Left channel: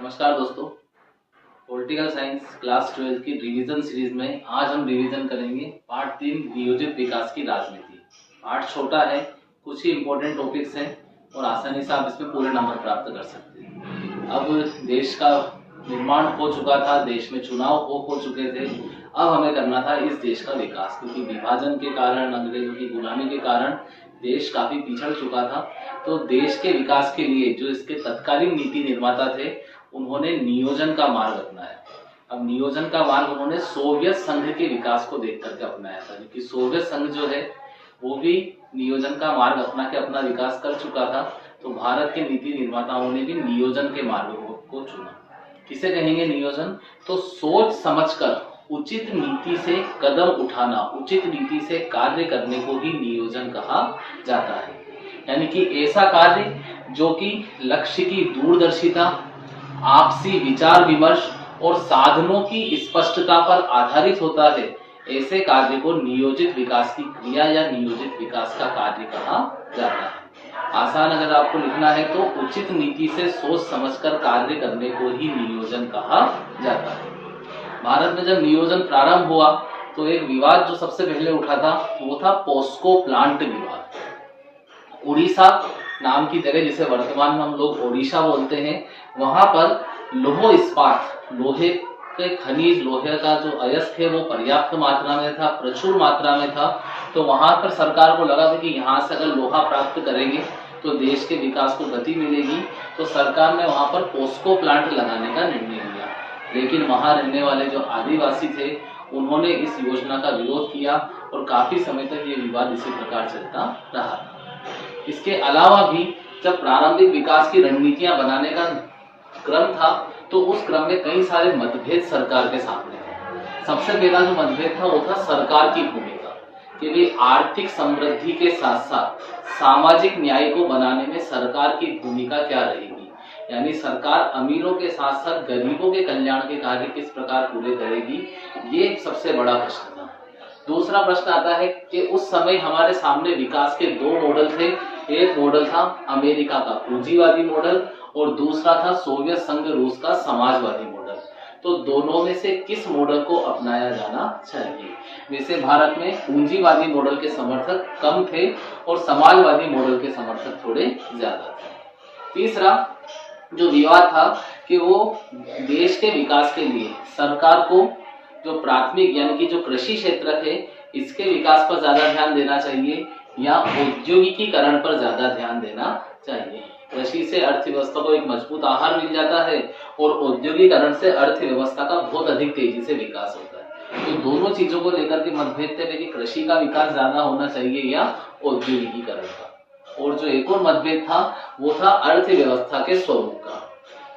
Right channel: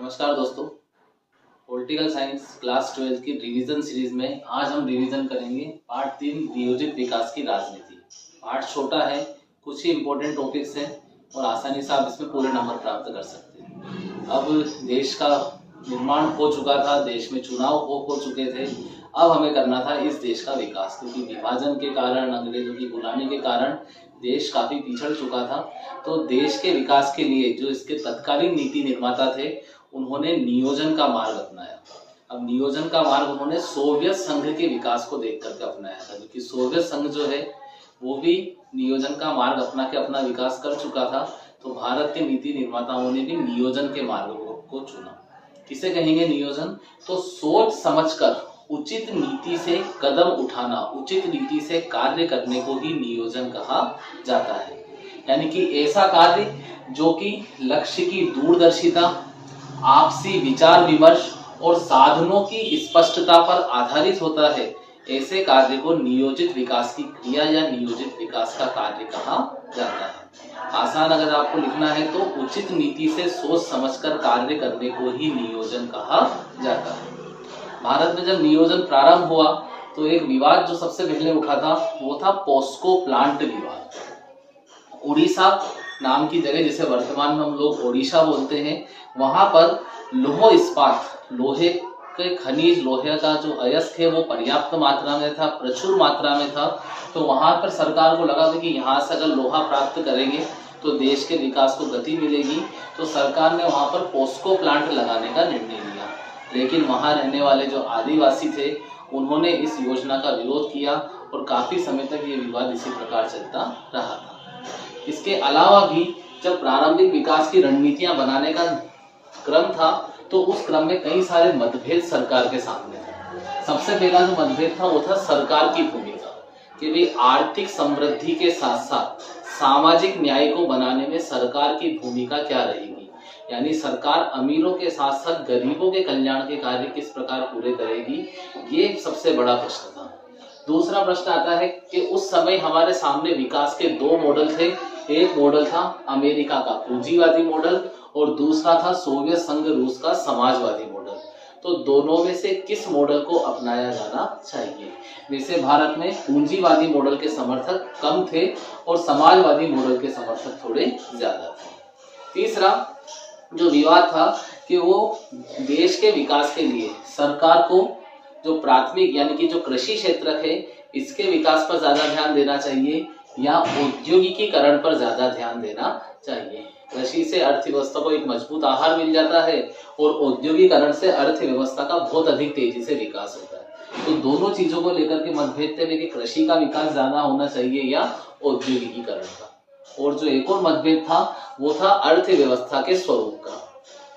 नमस्कार दोस्तों। Political science class 12 की रिवीजन सीरीज में आज हम रिवीजन करेंगे पार्ट 3 नियोजित विकास की राजनीति। पार्ट छोटा है, कुछ ही इंपॉर्टेंट टॉपिक्स हैं और आसानी से आप इसमें पूरे नंबर प्राप्त कर सकते हैं। अब देश का निर्माण हो चुका था, देश में चुनाव हो चुके थे। अब हमें करना था इस देश का विकास, क्योंकि विभाजन के कारण, अंग्रेजों की गुलामी के कारण देश काफी पिछड़ चुका था। तो देश के विकास के लिए जो इसके तत्कालीन नीति निर्माता थे, उन्होंने नियोजन का मार्ग अपनाया। अब नियोजन का मार्ग उन्होंने सोवियत संघ के विकास को देख करके अपनाया था, क्योंकि सोवियत संघ जो है वो भी नियोजन का मार्ग अपना के अपना विकास कर चुका था। तो भारत के नीति निर्माताओं ने भी नियोजन के मार्ग को चुना। किसे कहेंगे नियोजन? तो सोच समझकर उचित नीति से कदम उठाना, उचित नीति से कार्य करने को ही नियोजन कहा जाता है। यानी कि ऐसा कार्य जो कि लक्ष्य की दूरदर्शिता, आपसी विचार विमर्श और साधनों की स्पष्टता पर आधारित होता है, ऐसे कार्य को नियोजित विकास की क्रिया या नियोजित विकास का कार्य कहा जाता है। आसान अगर आपको लिखना है तो उचित नीति से सोच समझकर कार्य करने को ही नियोजन कहा जाता है। भारत में जब नियोजन प्रारंभ हुआ तो एक विवाद जो सबसे पहले उठा था वो था पोस्को प्लांट विवाद। उड़ीसा नाम की जगह, जिसे वर्तमान में हम लोग ओडिशा बोलते हैं, वहां पर लोह इस्पात, लोहे के खनिज, लोहे का जो अयस्क है वो पर्याप्त मात्रा में था, प्रचुर मात्रा में था। तो वहां पर सरकार को लगा कि यहाँ से अगर लोहा प्राप्त करेंगे तो देश के विकास को गति मिलेगी। तो सरकार ने वहां पर पोस्को प्लांट लगाने का निर्णय लिया। लेकिन वहां रहने वाले जो आदिवासी थे उन्होंने इस योजना का विरोध किया और काफी समय तक ये विवाद इसी प्रकार चलता रहा था। इसके अलावा भी जब प्रारंभिक विकास की रणनीतियां बनाने का क्रम था तो उस क्रम में कई सारे मतभेद सरकार के सामने थे। सबसे पहला जो मतभेद था वो था सरकार की भूमिका, कि भाई आर्थिक समृद्धि के साथ साथ सामाजिक न्याय को बनाने में सरकार की भूमिका क्या रहेगी। यानी सरकार अमीरों के साथ साथ गरीबों के कल्याण के कार्य किस प्रकार पूरे करेगी, ये सबसे बड़ा प्रश्न था। दूसरा प्रश्न आता है कि उस समय हमारे सामने विकास के दो मॉडल थे। एक मॉडल था अमेरिका का पूंजीवादी मॉडल और दूसरा था सोवियत संघ रूस का समाजवादी मॉडल। तो दोनों में से किस मॉडल को अपनाया जाना चाहिए? वैसे भारत में पूंजीवादी मॉडल के समर्थक कम थे और समाजवादी मॉडल के समर्थक थोड़े ज्यादा थे। तीसरा जो विवाद था कि वो देश के विकास के लिए सरकार को जो प्राथमिक यानी कि जो कृषि क्षेत्र है इसके विकास पर ज्यादा ध्यान देना चाहिए या औद्योगिकीकरण पर ज्यादा ध्यान देना चाहिए। कृषि से अर्थव्यवस्था को एक मजबूत आहार मिल जाता है और औद्योगिकरण से अर्थव्यवस्था का बहुत अधिक तेजी से विकास होता है। तो दोनों चीजों को लेकर के मतभेद थे कि कृषि का विकास ज्यादा होना चाहिए या औद्योगिकीकरण का। और जो एक और मतभेद था वो था अर्थव्यवस्था के स्वरूप का।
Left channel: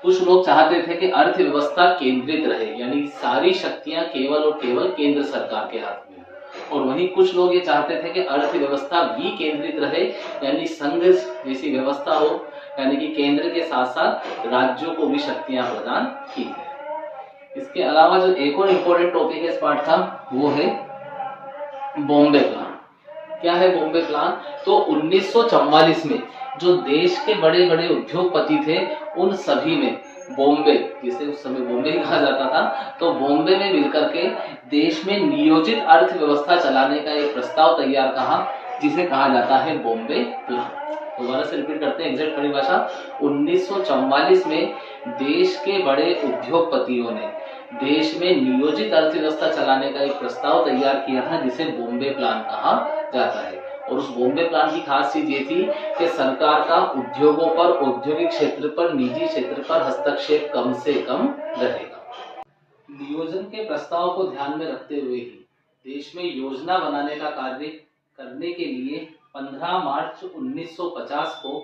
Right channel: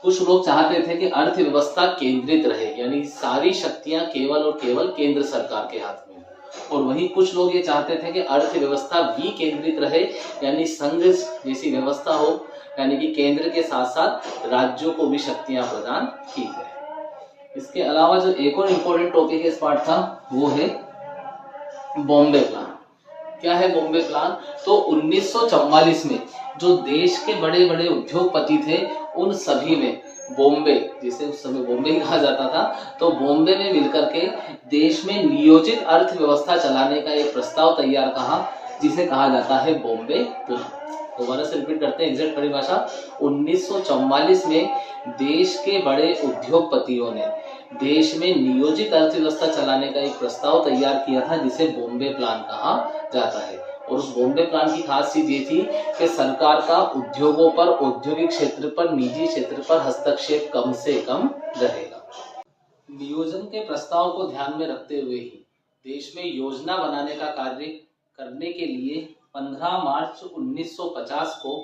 कुछ लोग चाहते थे कि अर्थव्यवस्था केंद्रित रहे, यानी सारी शक्तियां केवल और केवल केंद्र सरकार के हाथ में, और वहीं कुछ लोग ये चाहते थे कि अर्थव्यवस्था विकेंद्रित रहे, यानी संघ जैसी व्यवस्था हो, यानी कि केंद्र के साथ साथ राज्यों को भी शक्तियां प्रदान की जाए। इसके अलावा जो एक और इम्पोर्टेंट टॉपिक इस पार्ट था वो है बॉम्बे प्लान। क्या है बॉम्बे प्लान? तो 1944 में जो देश के बड़े बड़े उद्योगपति थे उन सभी में बॉम्बे, जिसे उस समय बॉम्बे कहा जाता था, तो बॉम्बे में मिलकर के देश में नियोजित अर्थव्यवस्था चलाने का एक प्रस्ताव तैयार कहा, जिसे कहा जाता है बॉम्बे प्लान। दोबारा से रिपीट करते हैं एग्जैक्ट परिभाषा। 1944 में देश के बड़े उद्योगपतियों ने देश में नियोजित अर्थव्यवस्था चलाने का एक प्रस्ताव तैयार किया था, जिसे बॉम्बे प्लान कहा जाता है। और उस बॉम्बे प्लान की खास चीज ये थी कि सरकार का उद्योगों पर, औद्योगिक क्षेत्र पर, निजी क्षेत्र पर हस्तक्षेप कम से कम रहेगा। नियोजन के प्रस्ताव को ध्यान में रखते हुए ही देश में योजना बनाने का कार्य करने के लिए 15 मार्च 1950 को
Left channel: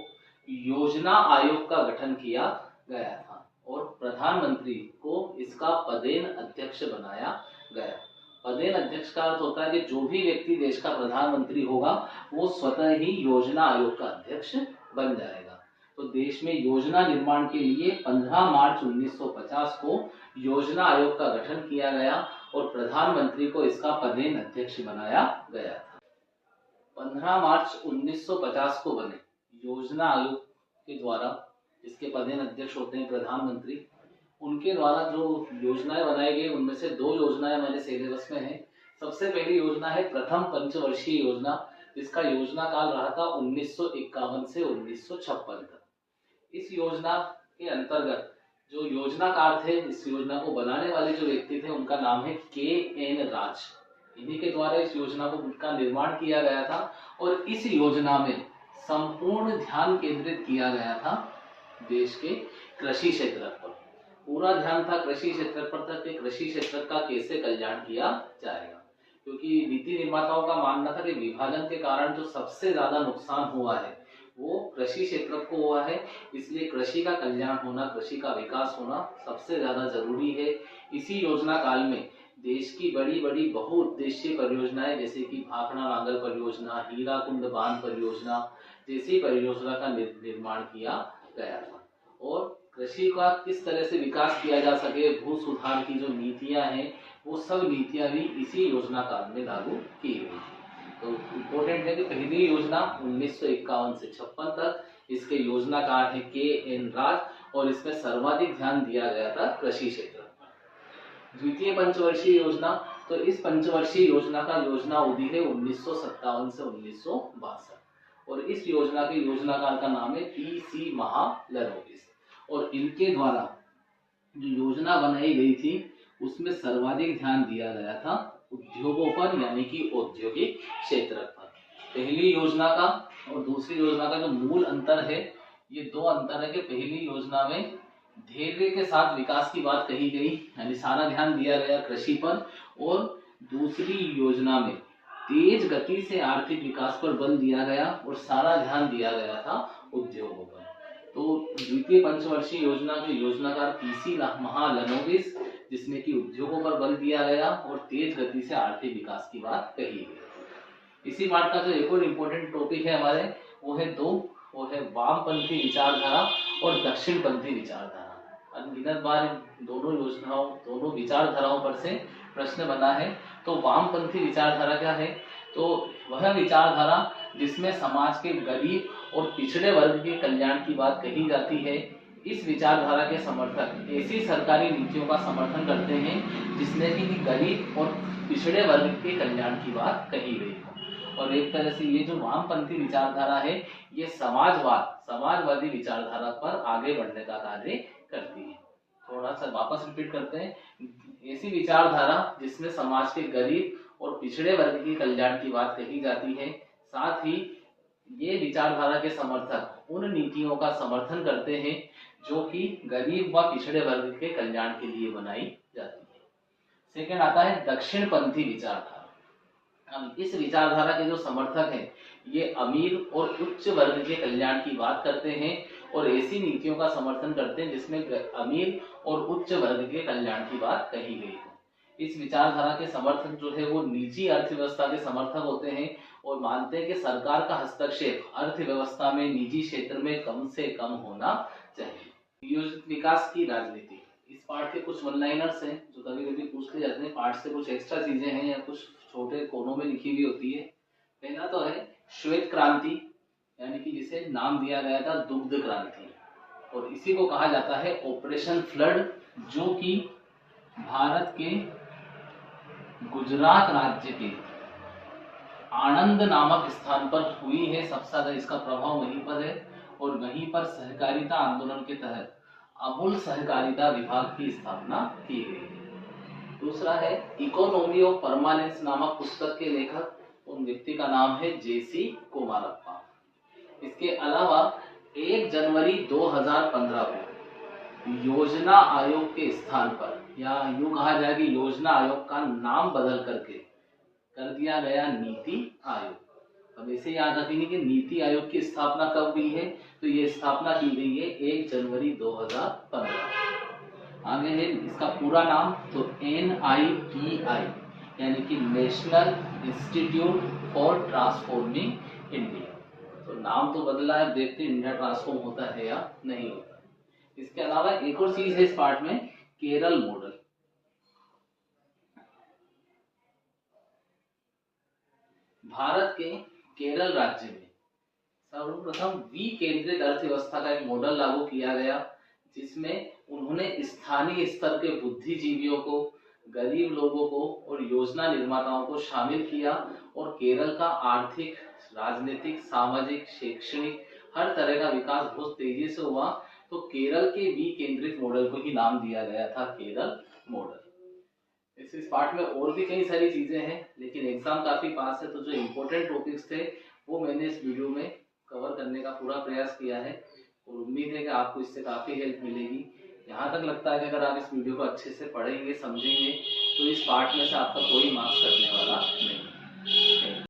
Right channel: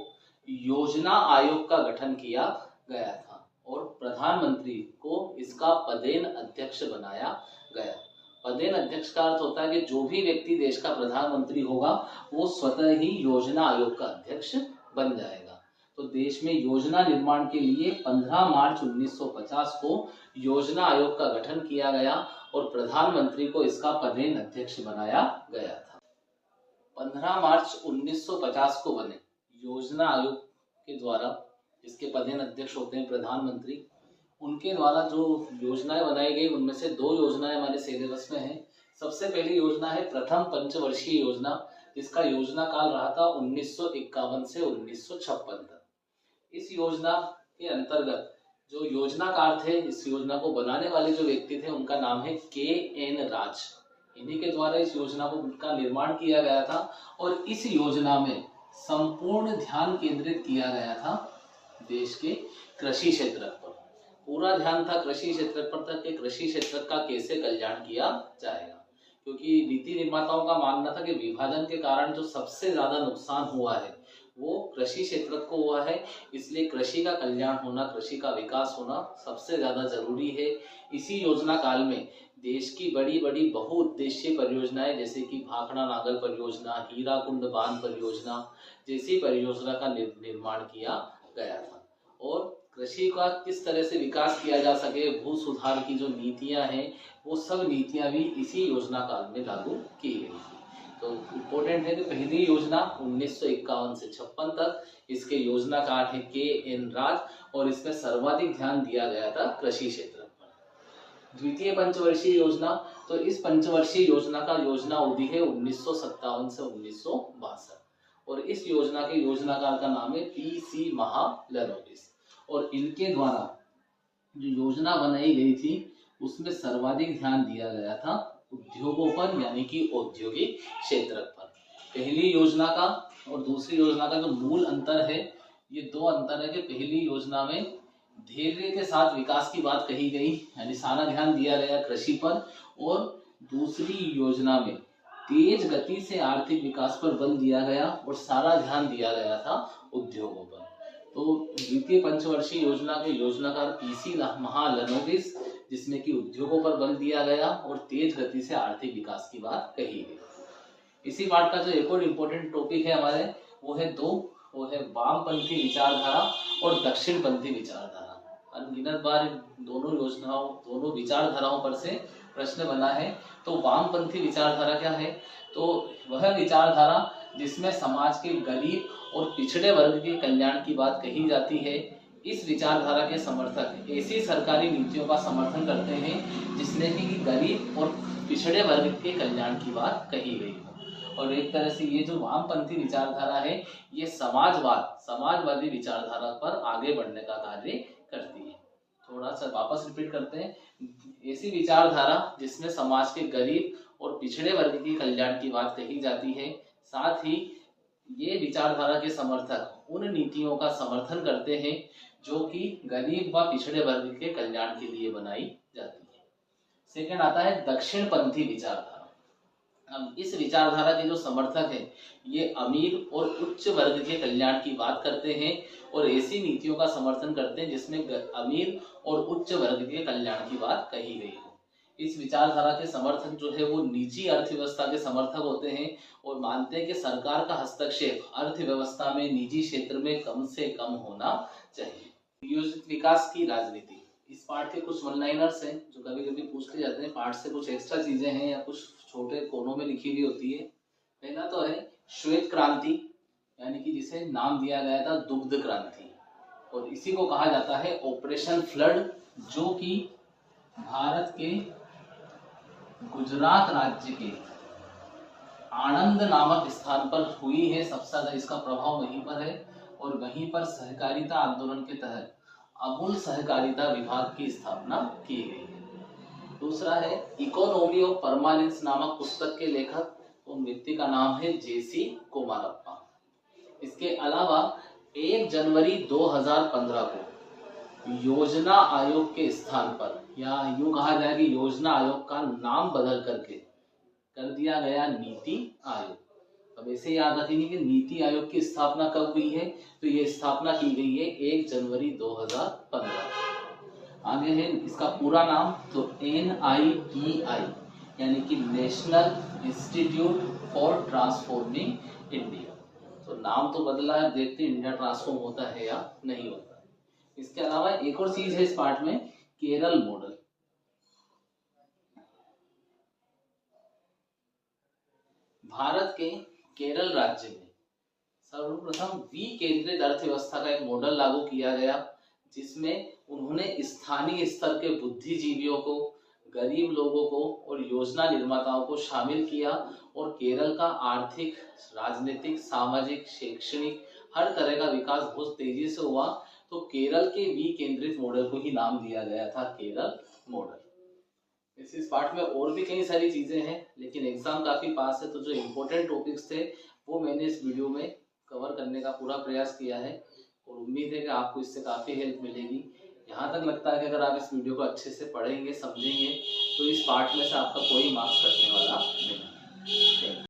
योजना आयोग का गठन किया गया था और प्रधानमंत्री को इसका पदेन अध्यक्ष बनाया गया। पदेन अध्यक्ष का अर्थ होता है कि जो भी व्यक्ति देश का प्रधानमंत्री होगा वो स्वतः ही योजना आयोग का अध्यक्ष बन जाएगा। तो देश में योजना निर्माण के लिए 15 मार्च 1950 को योजना आयोग का गठन किया गया और प्रधानमंत्री को इसका पदेन अध्यक्ष बनाया गया था। 15 मार्च 1950 को बने योजना आयोग के द्वारा, इसके पदेन अध्यक्ष होते हैं प्रधानमंत्री, उनके द्वारा जो योजनाएं बनाई गई उनमें से दो योजनाएं हमारे सिलेबस में हैं। सबसे पहली योजना है प्रथम पंचवर्षीय योजना, जिसका योजना काल रहा था 1951 से 1956 तक। इस योजना के अंतर्गत जो योजनाकार थे, इस योजना को बनाने वाले जो व्यक्ति थे, उनका नाम है के.एन. राज। इन्हीं के द्वारा इस योजना का निर्माण किया गया था और इस योजना में संपूर्ण ध्यान केंद्रित किया गया था देश के कृषि क्षेत्र पर। पूरा ध्यान था कृषि क्षेत्र पर था कि कृषि क्षेत्र का कैसे कल्याण किया जाएगा, क्योंकि नीति निर्माताओं का मानना था कि विभाजन के कारण जो सबसे ज्यादा नुकसान हुआ है वो कृषि क्षेत्र को हुआ है, इसलिए कृषि का कल्याण होना, कृषि का विकास होना सबसे ज्यादा जरूरी है। इसी योजना काल में देश की बड़ी बड़ी बहुउद्देशीय परियोजनाएं जैसे कि भाखड़ा नागल परियोजना, हीराकुंड बांध परियोजना जैसी परियोजना का निर्माण किया गया था। और कृषि का किस तरह से विकास किया जा सके, भू सुधार की जो नीतियां हैं वो सब नीतियां भी इसी योजना काल में लागू की गई थी। तो इम्पोर्टेंट है कि पहली योजना 1951 से 56 तक, इसके योजनाकार है के.एन. राज और इसमें सर्वाधिक ध्यान दिया गया था कृषि क्षेत्र पर। द्वितीय पंचवर्षीय योजना, तो इस पंचवर्षीय योजना का योजना अवधि है 1957 से 1962 और इस योजना के योजनाकार का नाम है पी.सी. महालनोबिस। और इनके द्वारा जो योजना बनाई गई थी उसमें सर्वाधिक ध्यान दिया गया था उद्योगों पर, यानी कि औद्योगिक क्षेत्र पर। पहली योजना का और दूसरी योजना का जो मूल अंतर है, ये दो अंतर है कि पहली योजना में धैर्य के साथ विकास की बात कही गई, यानी सारा ध्यान दिया गया कृषि पर, और दूसरी योजना में तेज गति से आर्थिक विकास पर बल दिया गया और सारा ध्यान दिया गया था उद्योगों पर। तो द्वितीय पंचवर्षीय योजना के योजनाकार पी.सी. महालनोबिस, जिसमें कि उद्योगों पर बल दिया गया और तेज गति से आर्थिक विकास की बात कही गई। इसी पार्ट का जो एक और इम्पोर्टेंट टॉपिक है हमारे, वो है वामपंथी विचारधारा और दक्षिणपंथी विचारधारा। अनगिनत बार दोनों विचारधाराओं पर से प्रश्न बना है। तो वामपंथी विचारधारा क्या है? तो वह विचारधारा जिसमें समाज के गरीब और पिछड़े वर्ग के कल्याण की बात कही जाती है। इस विचारधारा के समर्थक ऐसी सरकारी नीतियों का समर्थन करते हैं जिसने कि गरीब और पिछड़े वर्ग के कल्याण की बात कही गई हो। और एक तरह से ये जो वामपंथी विचारधारा है, ये समाजवादी विचारधारा पर आगे बढ़ने का कार्य करती है। थोड़ा सा वापस रिपीट करते हैं। ऐसी विचारधारा जिसमें समाज के गरीब और पिछड़े वर्ग के कल्याण की बात कही जाती है, साथ ही ये विचारधारा के समर्थक उन नीतियों का समर्थन करते हैं जो कि गरीब व पिछड़े वर्ग के कल्याण के लिए बनाई जाती है। सेकंड आता है दक्षिणपंथी विचारधारा। अब इस विचारधारा के जो समर्थक हैं, ये अमीर और उच्च वर्ग के कल्याण की बात करते हैं और ऐसी नीतियों का समर्थन करते हैं जिसमें अमीर और उच्च वर्ग के कल्याण की बात कही गई हो। इस विचारधारा के समर्थक जो है वो निजी अर्थव्यवस्था के समर्थक होते हैं और मानते हैं कि सरकार का हस्तक्षेप अर्थव्यवस्था में निजी क्षेत्र में कम से कम होना चाहिए। नियोजित विकास की राजनीति, इस पार्ट के कुछ वन लाइनर्स हैं जो कभी कभी पूछते जाते हैं। पार्ट से कुछ एक्स्ट्रा चीजें हैं या कुछ छोटे कोनों में लिखी हुई होती है। पहला तो है श्वेत क्रांति, यानी कि जिसे नाम दिया गया था दुग्ध क्रांति, और इसी को कहा जाता है ऑपरेशन फ्लड, जो कि भारत के गुजरात राज्य के आणंद नामक स्थान पर हुई है। सबसे ज्यादा इसका प्रभाव वहीं पर है और वहीं पर सहकारिता आंदोलन के तहत अमूल सहकारिता विभाग की स्थापना की गई है। दूसरा है इकोनॉमी ऑफ परमानेंस नामक पुस्तक के लेखक, उन व्यक्ति का नाम है जे.सी. कुमारप्पा। इसके अलावा 1 जनवरी 2015 को योजना आयोग के स्थान पर, या यूं कहा जाए कि योजना आयोग का नाम बदल करके कर दिया गया नीति आयोग। अब ऐसे याद रखेंगे कि नीति आयोग की स्थापना कब हुई है, तो ये स्थापना की गई है 1 जनवरी 2015। आगे है इसका पूरा नाम, तो NITI, यानी कि national institute for transforming India. तो नाम तो बदला है, देखते हैं इंडिया ट्रांसफॉर्म होता है या नहीं होता है। इसके अलावा एक और चीज है इस पार्ट में, केरल मॉडल। भारत के केरल राज्य में सर्वप्रथम विकेंद्रित अर्थव्यवस्था का एक मॉडल लागू किया गया, जिसमें उन्होंने स्थानीय स्तर के बुद्धिजीवियों को, गरीब लोगों को और योजना निर्माताओं को शामिल किया और केरल का आर्थिक, राजनीतिक, सामाजिक, शैक्षणिक हर तरह का विकास बहुत तेजी से हुआ। तो केरल के विकेंद्रित मॉडल को ही नाम दिया गया था केरल मॉडल। इस पार्ट में और भी कई सारी चीजें हैं, लेकिन एग्जाम काफी पास है, तो जो इम्पोर्टेंट टॉपिक्स थे वो मैंने इस वीडियो में कवर करने का पूरा प्रयास किया है और उम्मीद है कि आपको इससे काफी हेल्प मिलेगी। यहाँ तक लगता है कि अगर आप इस वीडियो को अच्छे से पढ़ेंगे, समझेंगे, तो इस पार्ट में से आपका कोई मार्क्स कटने वाला नहीं।